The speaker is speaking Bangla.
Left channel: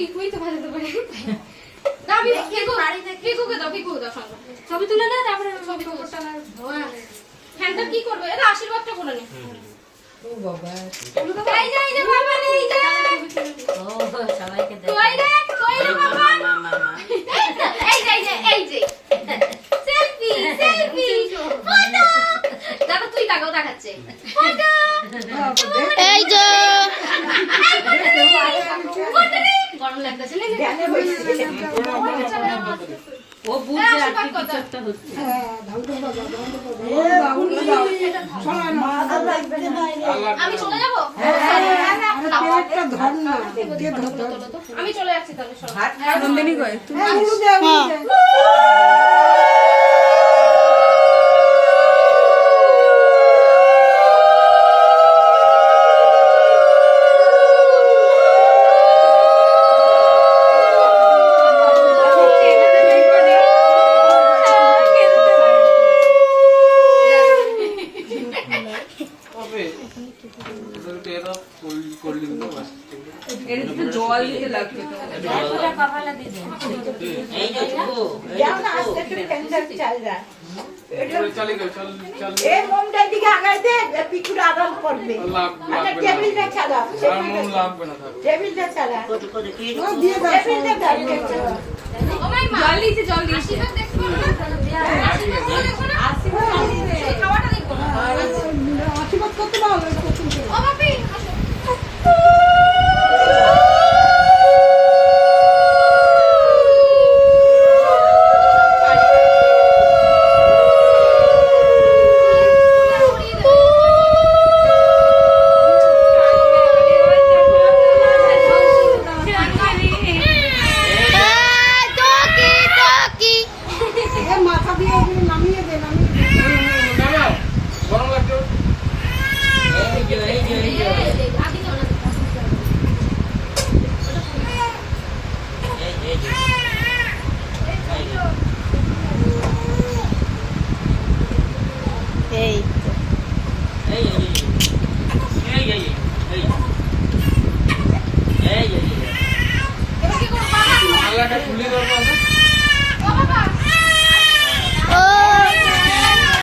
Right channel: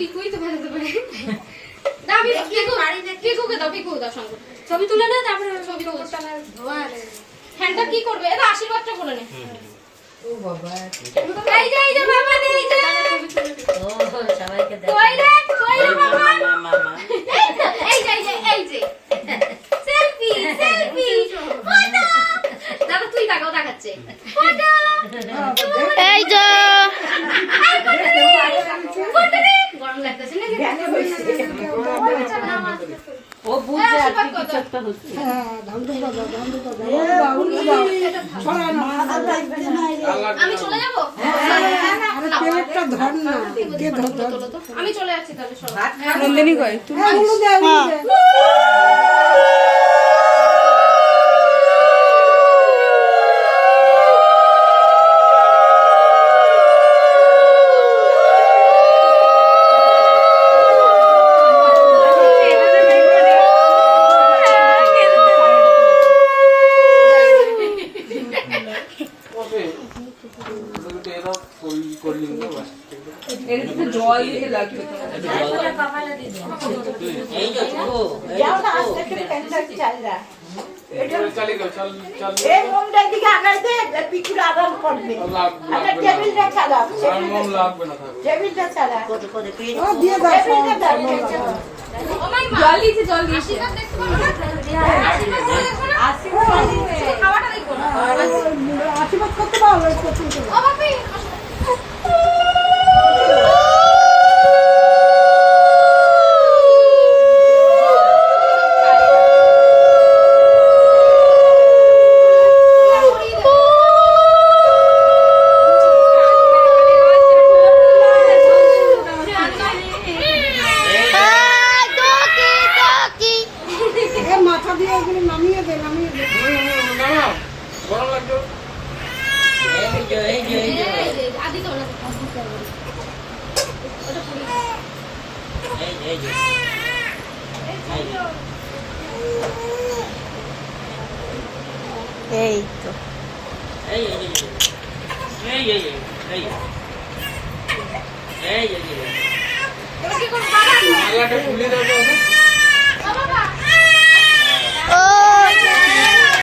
পিকুই তো ভাজাতে পারে। না পিকুকে দাও সঙ্গে ছবি তুলে না, তারপরে ছবি খবরটা না হ্যান্ডটা কি করবে, এটা আশীর্বাদটা করে নে। ও বাবা এই যে বাবা এই যে ও সবাইকে দাও কই রে বাবা এই যে সেলফি ফটো দাদা তুই তাকাও দেখাচ্ছে ফটো এই যে গরম লাগতেছে না ও বুঝছে আর কিছু একটা হচ্ছে আমি চলে যাব আমি চলে যাচ্ছি তাহলে নন্দিনী কয় তুমি জল দিতে লাগবে জল দিয়েছি আশীর্বাদ করতে পারো মাথা দিয়ে ওগুলো নামিয়ে দে গরম লাগতো এই তো মালাটা খুলে দাও।